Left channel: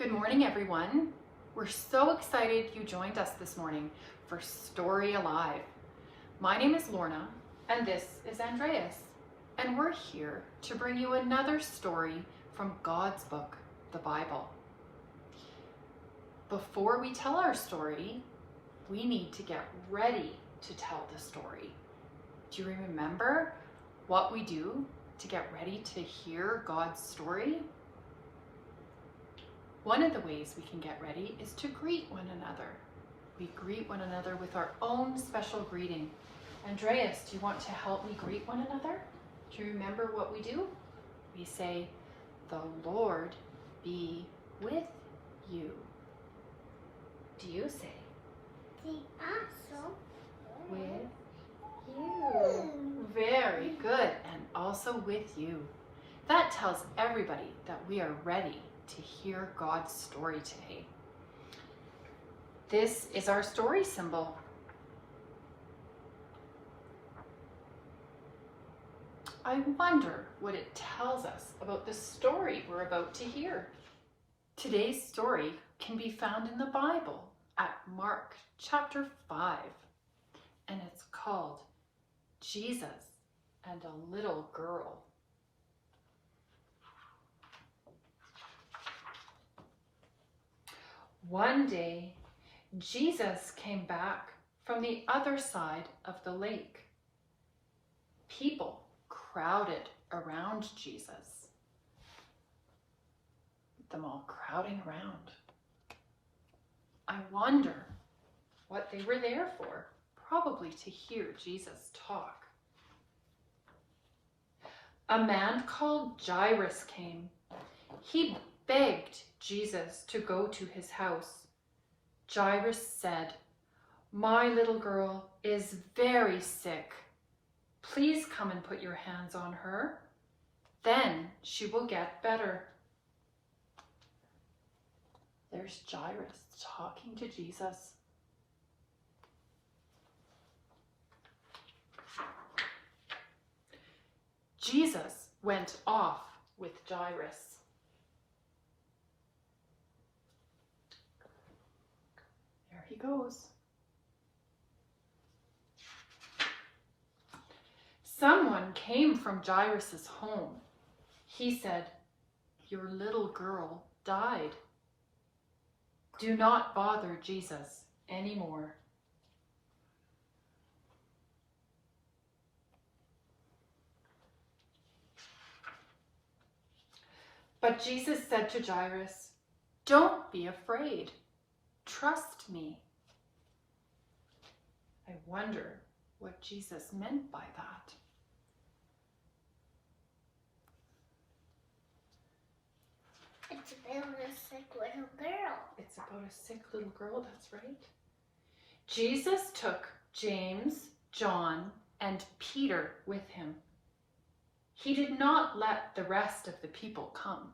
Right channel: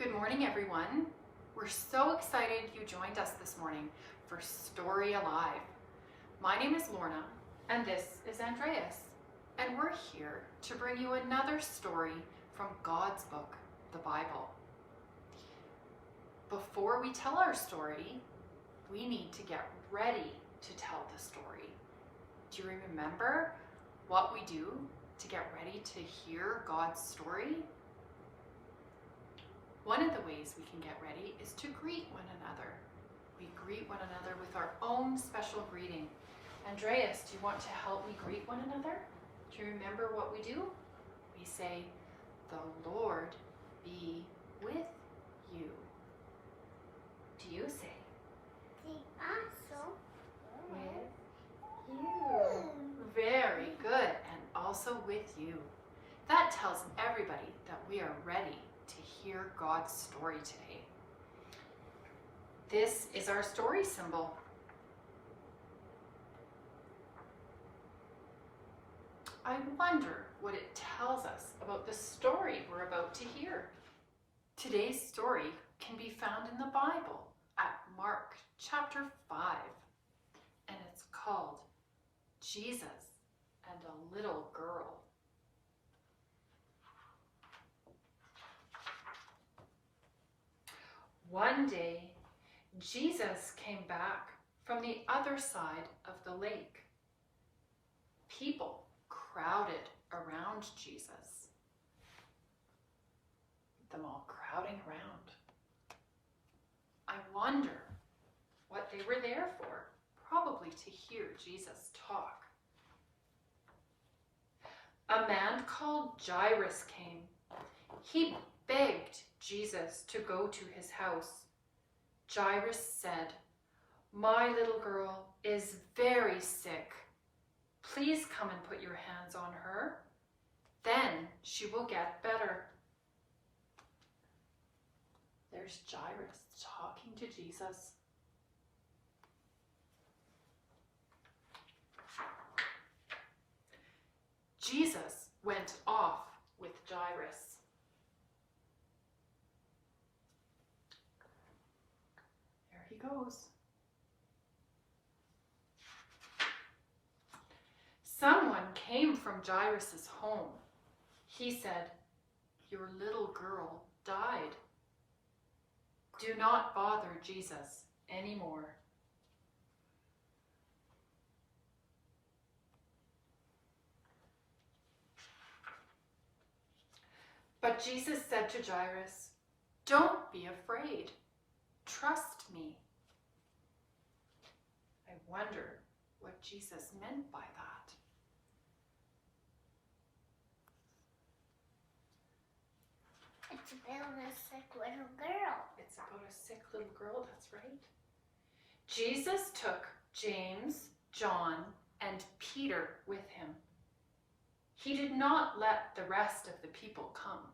Good morning, everyone. We're so excited you joined us this morning for Story Alive. My name is Lorna, and this is Andreas, and we're here to bring you another story from God's book, the Bible. Before we tell our story, we need to get ready to tell the story. Do you remember what we do to get ready to hear God's story? One of the ways we can get ready is to greet one another. We greet one another with our own special greeting. Andreas, do you want to help me greet one another? Do you remember what we do? We say, "The Lord be with you." Do you say? The also With you. Very good, and also with you. That tells everybody that we are ready to hear God's story today. This is our story symbol. I wonder what it tells us about the story we're about to hear. Today's story can be found in the Bible at Mark chapter 5, and it's called Jesus and a Little Girl. One day, Jesus came back from the other side of the lake. People crowded around Jesus. Them all crowding around. I wonder what they were there for. Probably to hear Jesus talk. A man called Jairus came. He begged Jesus to go to his house. Jairus said, "My little girl is very sick. Please come and put your hands on her. Then she will get better." There's Jairus talking to Jesus. Jesus went off with Jairus. There he goes. Someone came from Jairus' home. He said, "Your little girl died. Do not bother Jesus anymore." But Jesus said to Jairus, "Don't be afraid. Trust me." I wonder what Jesus meant by that. it's about a sick little girl. It's about a sick little girl, that's right. Jesus took James, John, and Peter with him. He did not let the rest of the people come.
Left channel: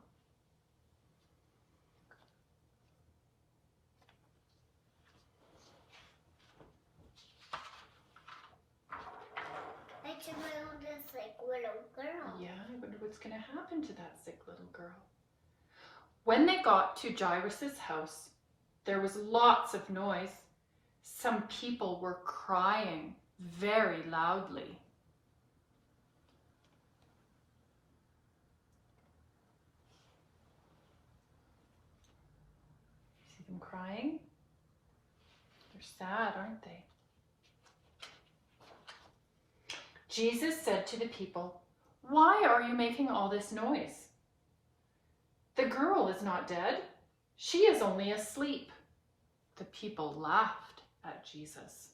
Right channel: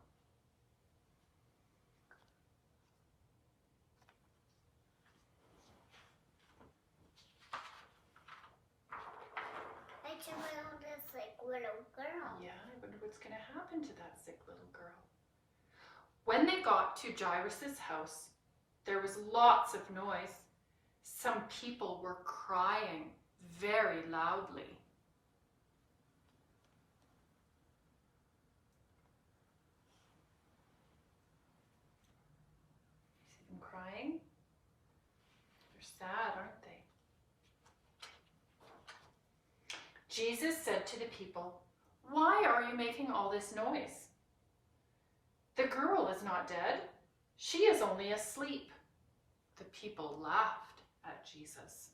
It's about a sick little girl. Yeah, I wonder what's going to happen to that sick little girl. When they got to Jairus' house, there was lots of noise. Some people were crying very loudly. See them crying? They're sad, aren't they? Jesus said to the people, "Why are you making all this noise? The girl is not dead. She is only asleep." The people laughed at Jesus.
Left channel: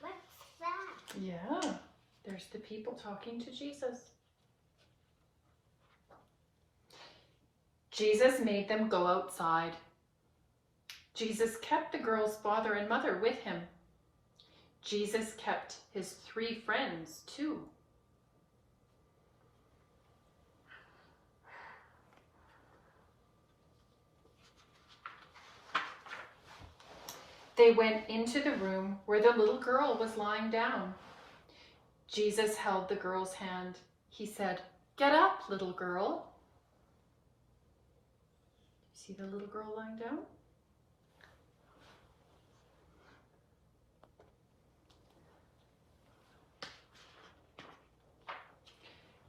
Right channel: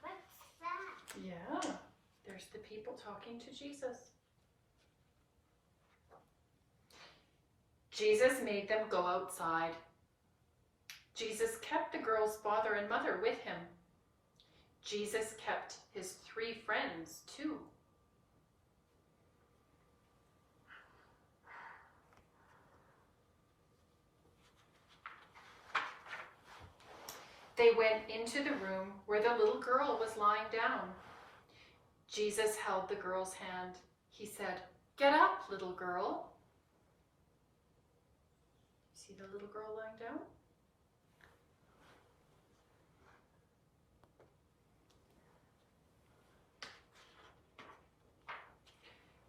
What's that? Yeah, there's the people talking to Jesus. Jesus made them go outside. Jesus kept the girl's father and mother with him. Jesus kept his 3 friends too. They went into the room where the little girl was lying down. Jesus held the girl's hand. He said, "Get up, little girl." See the little girl lying down?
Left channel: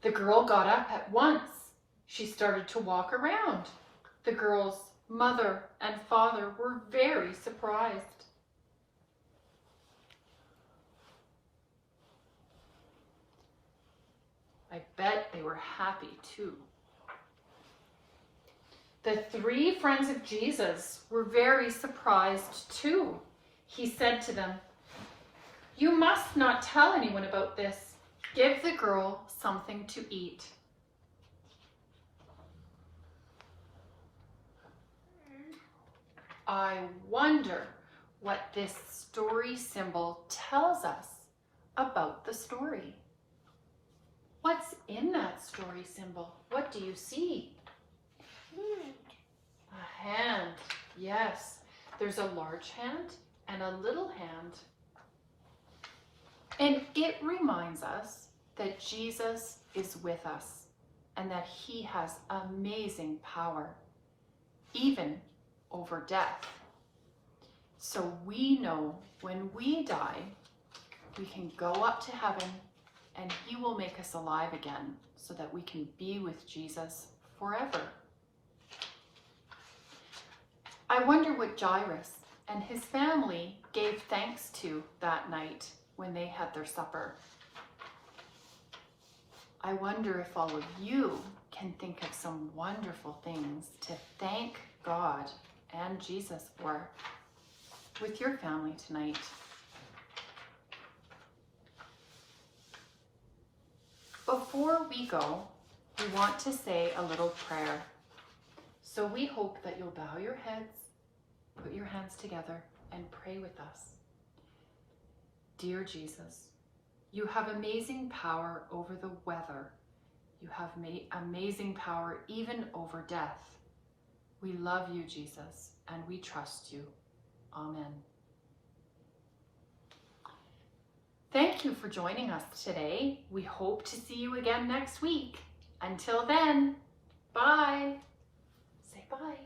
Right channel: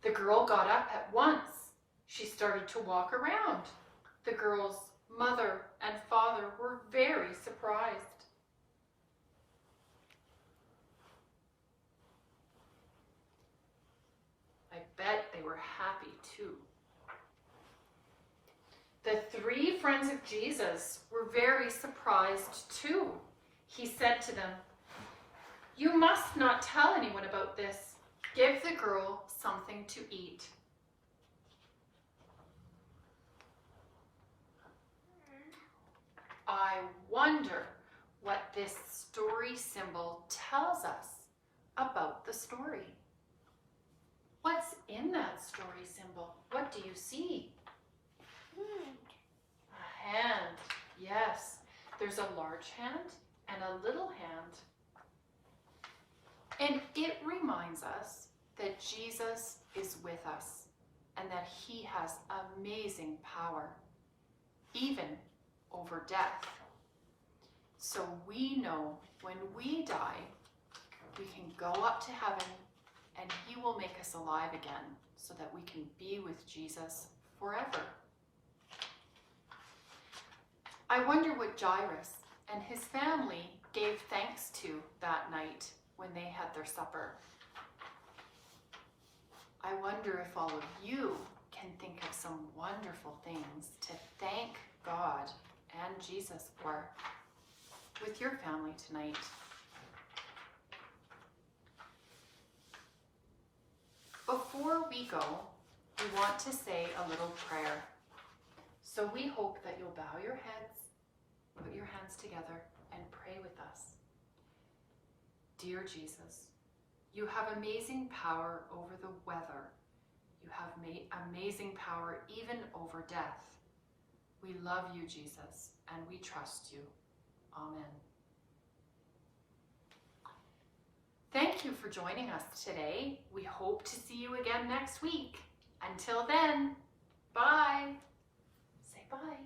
The girl got up at once. She started to walk around. The girl's mother and father were very surprised. I bet they were happy too. The three friends of Jesus were very surprised too. He said to them, "You must not tell anyone about this. Give the girl something to eat." I wonder what this story symbol tells us about the story. What's in that story symbol? What do you see? A hand. Yes, there's a large hand and a little hand. And it reminds us that Jesus is with us and that he has amazing power, even over death. So we know when we die, we can go up to heaven and he will make us alive again so that we can be with Jesus forever. I wonder what Jairus and his family gave thanks to that night when they had their supper. I wonder if all of you can think of some wonderful things to thank God and Jesus for with your family tonight. Before we go, we want to say a little prayer. So we hope that you'll bow your heads, put your hands together, and pray with us. Dear Jesus, you have amazing power over the weather. You have amazing power even over death. We love you, Jesus, and we trust you. Amen. Thank you for joining us today. We hope to see you again next week. Until then, bye. Say bye.